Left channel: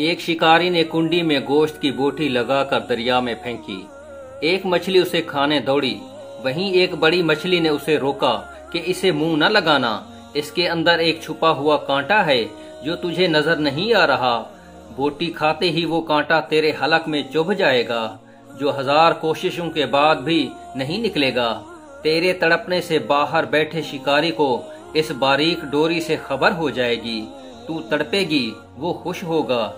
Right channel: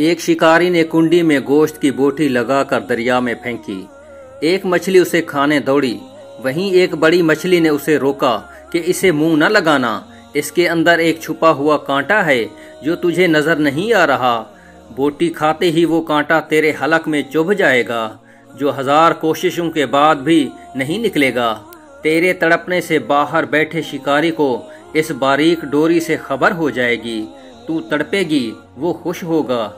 ایک شکاری نے کنڈی میں گوشت کی بوٹی لگا کر دریا میں پھینکی۔ ایک مچھلی اسے کھانے دوڑی، وہیں ایک بڑی مچھلی نے اسے روکا کہ اسے منہ نہ لگانا، اس کے اندر ایک چھپا ہوا کانٹا ہے جو تجھے نظر نہیں آ رہا۔ بوٹی کھاتے ہی وہ کانٹا تیرے حلق میں چبھ جائے گا، جو 1000 کوششوں کے بعد بھی نہیں نکلے گا۔ تیرے تڑپنے سے باہر بیٹھے شکاری کو اس باریک ڈوری سے خبر ہو جائے گی، تو تڑپے گی، وہ خوش ہوگا۔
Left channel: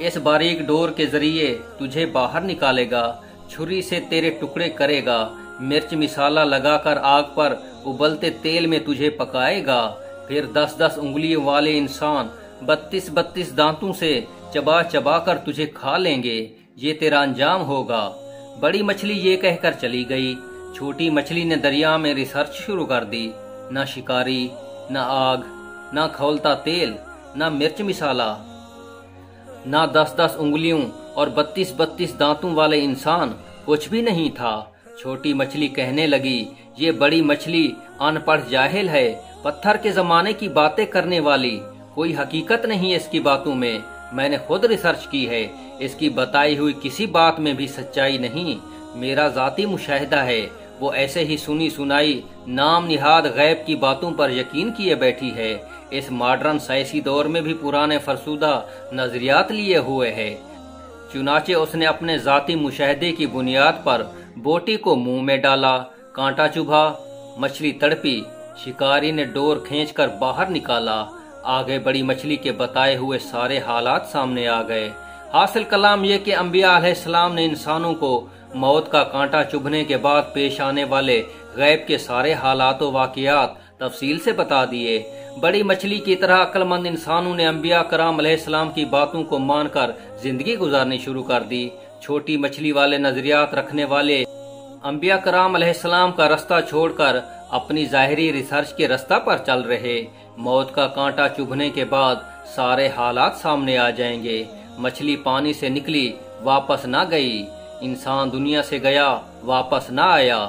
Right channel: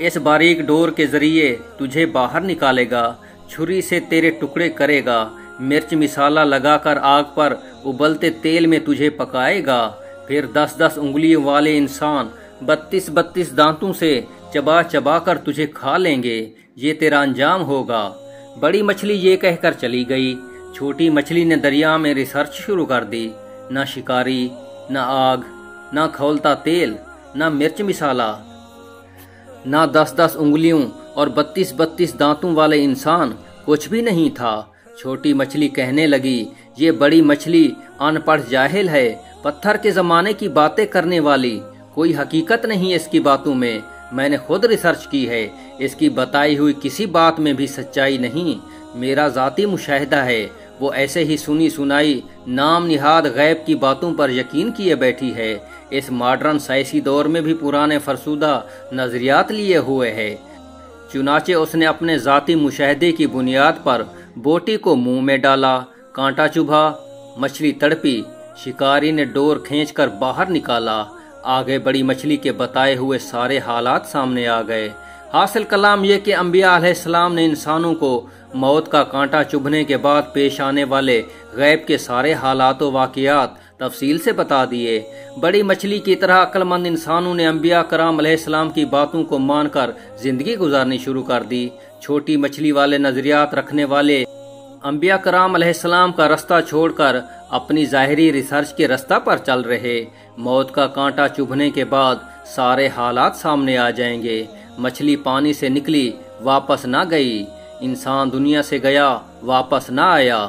اس باریک ڈور کے ذریعے تجھے باہر نکالے گا، چھری سے تیرے ٹکڑے کرے گا، مرچ مسالہ لگا کر آگ پر ابلتے تیل میں تجھے پکائے گا، پھر 10-10 انگلیوں والے انسان 32 دانتوں سے چبا چبا کر تجھے کھا لیں گے، یہ تیرا انجام ہوگا۔ بڑی مچھلی یہ کہہ کر چلی گئی۔ چھوٹی مچھلی نے دریا میں ریسرچ شروع کر دی، نہ شکاری، نہ آگ، نہ کھولتا تیل، نہ مرچ مسالہ، نہ 10-10 انگلیوں اور 32 دانتوں والے انسان، کچھ بھی نہیں تھا۔ چھوٹی مچھلی کہنے لگی، یہ بڑی مچھلی ان پڑھ جاہل ہے، پتھر کے زمانے کی باتیں کرنے والی، کوئی حقیقت نہیں اس کی باتوں میں نے خود ریسرچ کی ہے، اس کی بتائی ہوئی کسی بات میں بھی سچائی نہیں، میرا ذاتی مشاہدہ ہے، وہ ایسے ہی سنی سنائی نام نہاد غیب کی باتوں پر یقین کیے بیٹھی ہے، اس ماڈرن سائنسی دور میں بھی پرانے فرسودہ نظریات لیے ہوئے ہے۔ چنانچہ اس نے اپنے ذاتی مشاہدے کی بنیاد پر بوٹی کو منہ میں ڈالا، کانٹا چبھا، مچھلی تڑپی، شکاری نے ڈور کھینچ کر باہر نکالا، آگے بڑی مچھلی کے بتائے ہوئے سارے حالات سامنے آ گئے۔ حاصل کلام یہ کہ انبیاء علیہ السلام نے انسانوں کو موت کا کانٹا چبھنے کے بعد پیش آنے والے غیب کے سارے حالات و واقعات تفصیل سے بتا دیے۔ بڑی مچھلی کی طرح عقل مند انسانوں نے انبیاء کرام علیہ السلام کی باتوں کو مان کر زندگی گزارنی شروع کر دی۔ چھوٹی مچھلی والے نظریات رکھنے والے انبیاء کرام علیہ السلام کا رستہ چھوڑ کر اپنی ظاہری ریسرچ کے رستہ پر چل رہے۔ موت کا کانٹا چبھنے کے بعد سارے حالات سامنے آ جائیں گے۔ مچھلی پانی سے نکلی، واپس نہ گئی، انسان دنیا سے گیا، واپس نہ آیا۔